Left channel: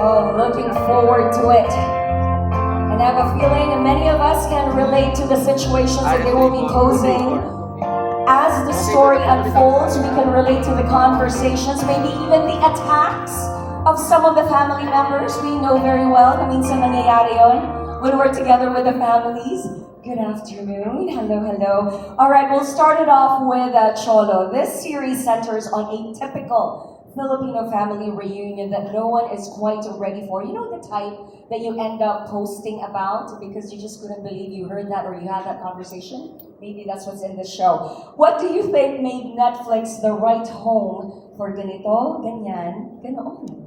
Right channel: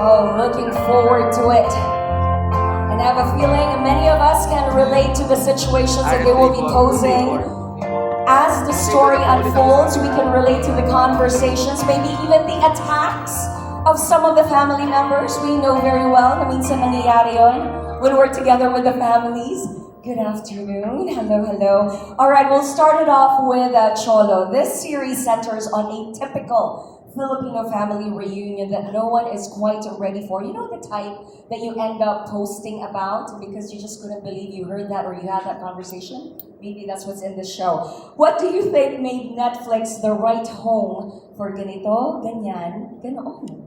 Oh, looking forward to it. And I have a feeling many of us can relate to the situations that they will be posing. As the story unfolds, we can relate to the conversations, maybe even the attacks of some of the family members. We know very well na minsan nangyayari yun when we're together with the families. Good afternoon. Hello, hello. All right, we'll start it off with Cholo. This series centers on a typical Filipino family reunion that no one is quite ready for. You know the type that you end up posting about because you just couldn't believe you heard that or you had that conversation? Maybe that's what's in the show. What do you think made Netflix the right home for ganito, ganyan, ganoon?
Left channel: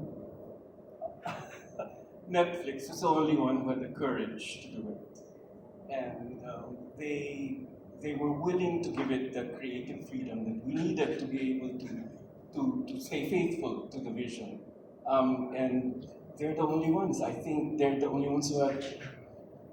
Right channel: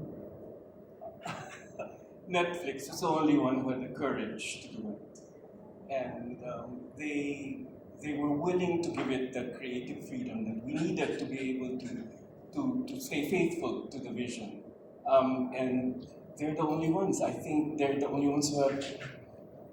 Netflix was the only one who had the courage to do it, and they were willing to give it the creative freedom that we needed to be able to stay faithful to the vision. And they're the only ones. I think they're the only ones who had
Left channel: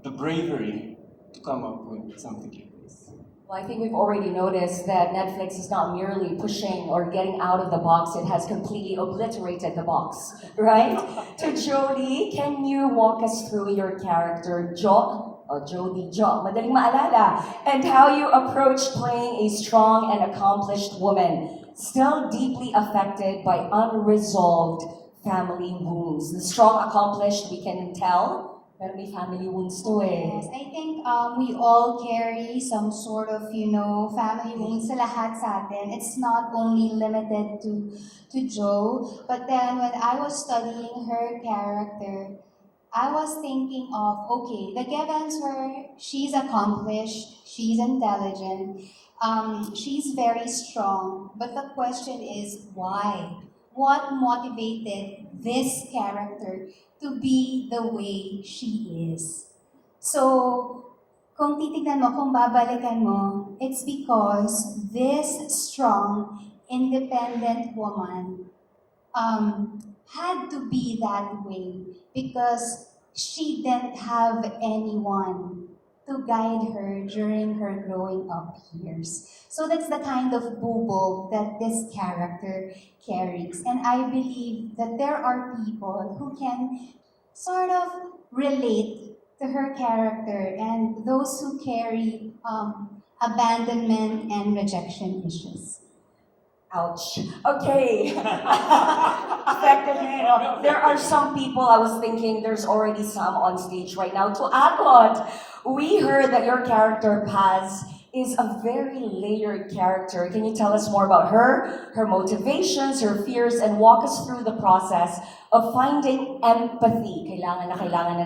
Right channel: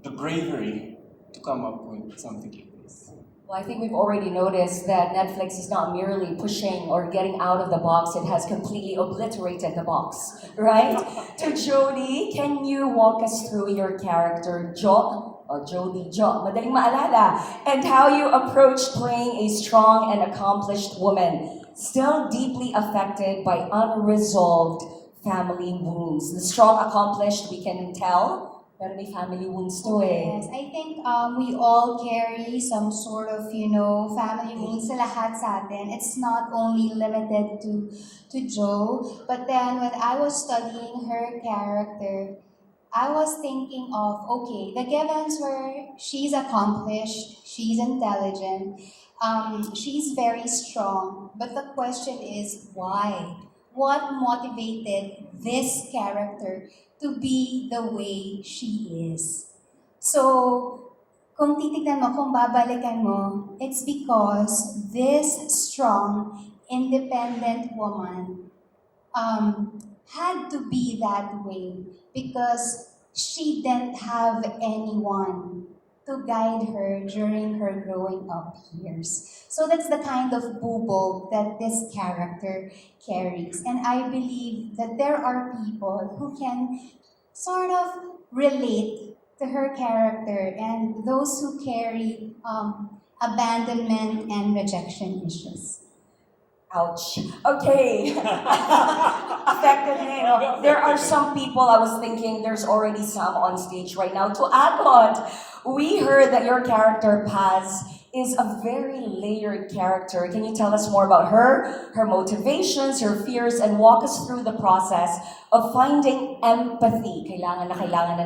the bravery to come up with something like this. Well, I think we've already noticed that Netflix is not merely pushing or getting out of the box, it has completely obliterated the box, right? To Jody, can you walk us through your character, Jo, or Jody Jo, madaling maalala, and how you approached playing a strong and accomplished woman, still deeply affected by unresolved family wounds? The strong, accomplished, we can tell, pero may family wounds to eh. Yes, I think we all carry some sort of, family wounds sa lahat sa atin. It's not only limited to Joe, but then when I was studying her character, I was thinking of, okay, the givens were she's accomplished, she's intelligent, she's very strong, but the question is why? What motivated this character to be the way she is? So, kung titignan mo, kung babalikan mo, it's because this strong, independent woman had to be that way because she didn't have anyone to guide her during her growing up years. So that's the kind of bubo that this character carries. And I believe that there are people who can sort of relate to her character and those who carry abandonment and rejection issues. Ouch. Okay. Effective eh, no? There are some people, I was thinking there's already some on stage right now. To add on, we heard that your character, Paz, is a very layered character. Can you tell us more about her motivations, her fears, and walk us through the process of finding empathy, kailangan na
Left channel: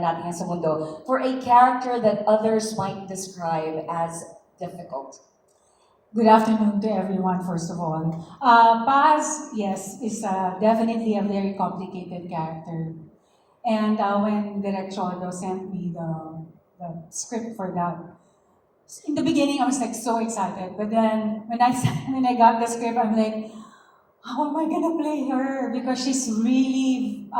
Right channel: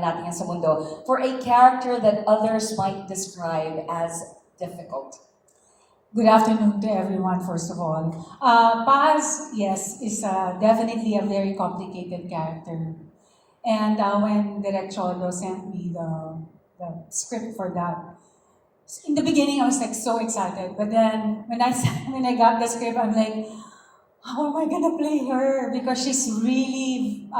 natin yan sa mundo, for a character that others might describe as difficult? Good afternoon to everyone, first of all. Paz, yes, is definitely a very complicated character. And when Direk Cholo sent me the script for that, in the beginning I was like so excited. But then when when I got the script, I'm like, how am I gonna play her? Because she's really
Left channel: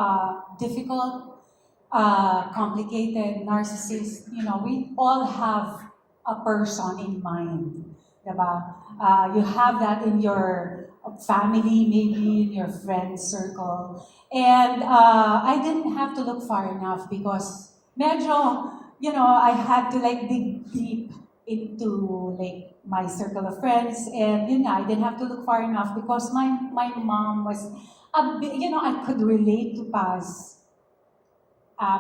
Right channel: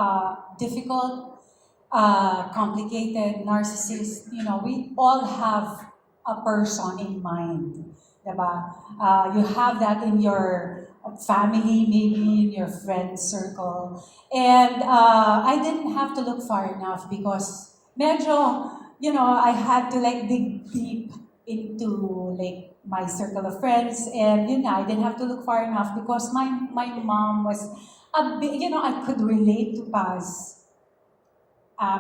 difficult, complicated, narcissist. You know, we all have a person in mind. Diba? You have that in your family, maybe in your friend circle. And I didn't have to look far enough because medyo, I had to like dig deep into like my circle of friends. And I didn't have to look far enough because my mom was a bit, I could relate to Paz.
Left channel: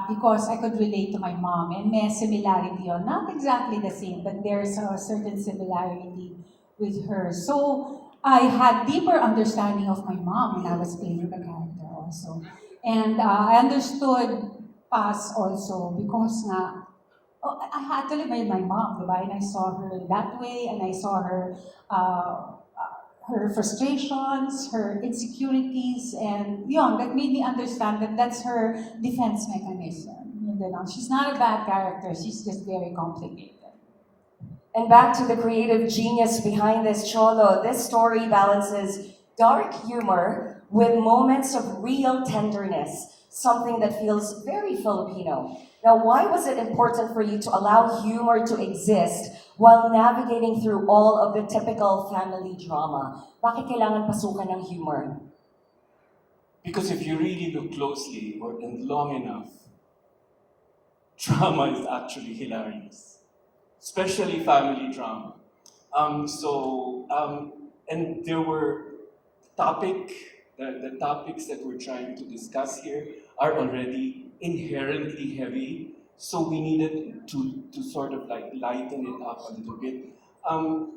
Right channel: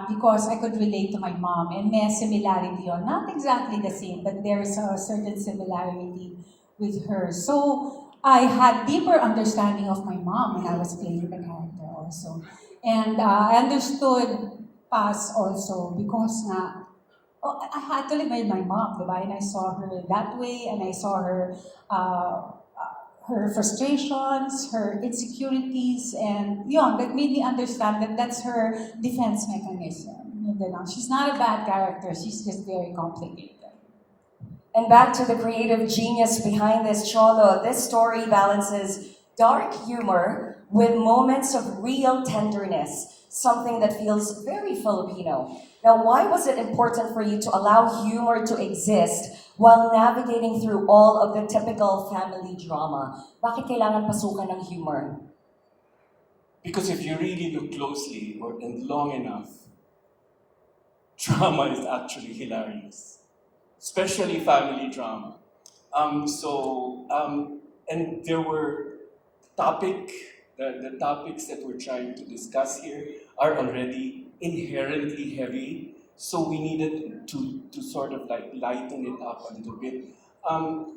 Because I could relate to my mom and may similarity on not exactly the same, but there's a certain similarity with her. So I had deeper understanding of my mom when I was playing the character also. And I understood Paz also because I had to live with my mom, diba? And I saw her that way and I saw her her frustrations, her insecurities, and that made me understand that that's her defense mechanism. She's not a bad character, she's just very complicated. And back to the creative genius behind this, Cholo, this story balances dark humor with moments of real tenderness, something that feels very Filipino. Now, why was it important for you to allow humor to exist while navigating through all of the typical family drama? Bakit kailangan pasukan ng humor? Because if you really look closely and long enough, drama is actually hilarious, especially family drama. And there were the topics that we're trying to discuss here are already inherently heavy, so we needed to sort of like lighten it up a little bit.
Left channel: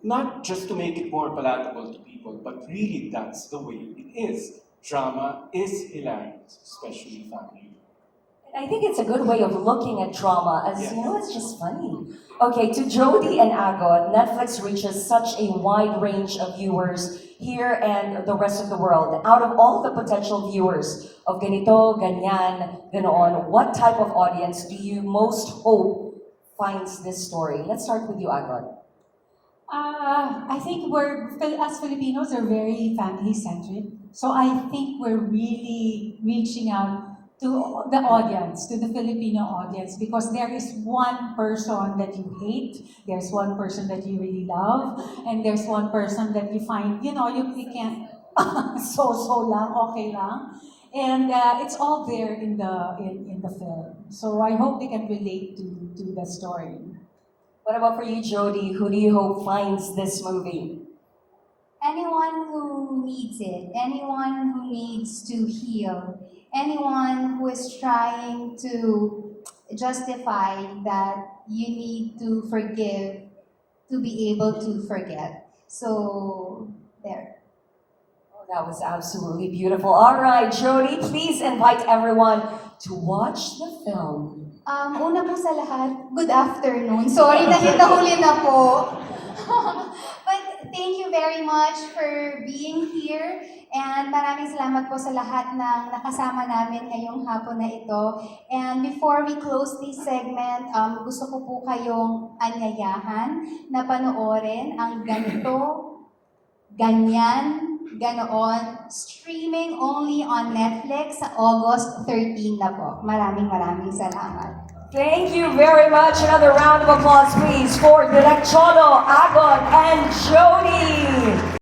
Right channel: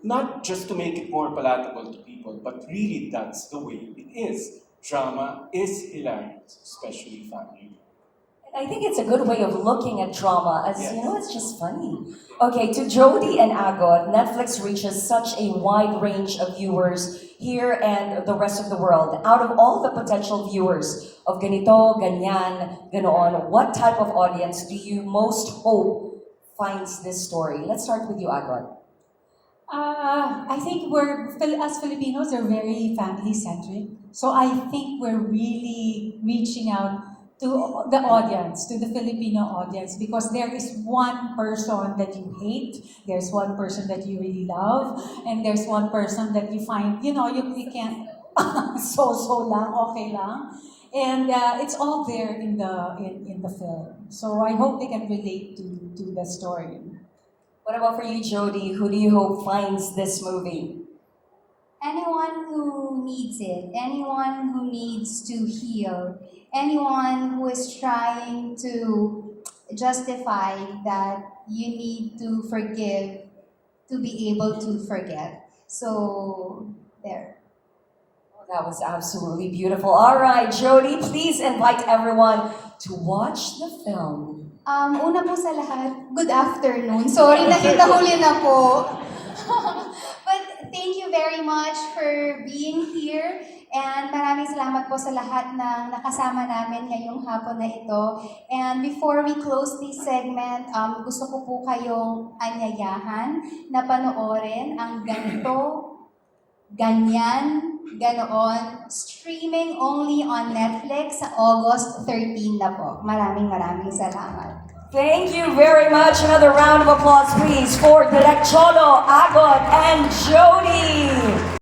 Not just to make it more palatable to people, but really that's the way it is. Drama is hilarious, especially family. I think it's a good way of looking at drama as, Yes. you know, it's just funny. Okay, to Jody and Agot, Netflix reaches such a wide range of viewers here and the rest of the world. Out of all the potential viewers of Ganito, Ganyan, Ganoon, what type of audience do you most hope finds this story? Let's start with you, Agot. I think as Filipinos, are very family-centric. So I think we're really reaching out to the audience, to the Filipino audience, because there is one person that you hate, there's one person that you really love, and there's one person that you find, you can't, so lang, okay lang. And it's all there in the film. So I hope they can relate to the story. What about for you, Jody? Who do you hope finds this movie? Anyone who needs it, anyone who needs to heal, anyone who is trying to justify that you need to forgive to be able to forget. So, there. That was absolutely beautiful. All right, Jody, please invite everyone to watch the film. Una po sa lahat, good afternoon. Sorry, nakitahuli na po. But thank you very much for being here. And maraming salamat po sa lahat ng nakasama namin ngayong hapon na ito. And before we close this segment, gusto ko po kayong anyayahan na panoorin ang Ganito, Ganyan, Ganoon, streaming only on Netflix sa August 13 na po. Maraming salamat. Thank you very much. Another round of applause, please, for Direk Cholo, Agot, and Jody.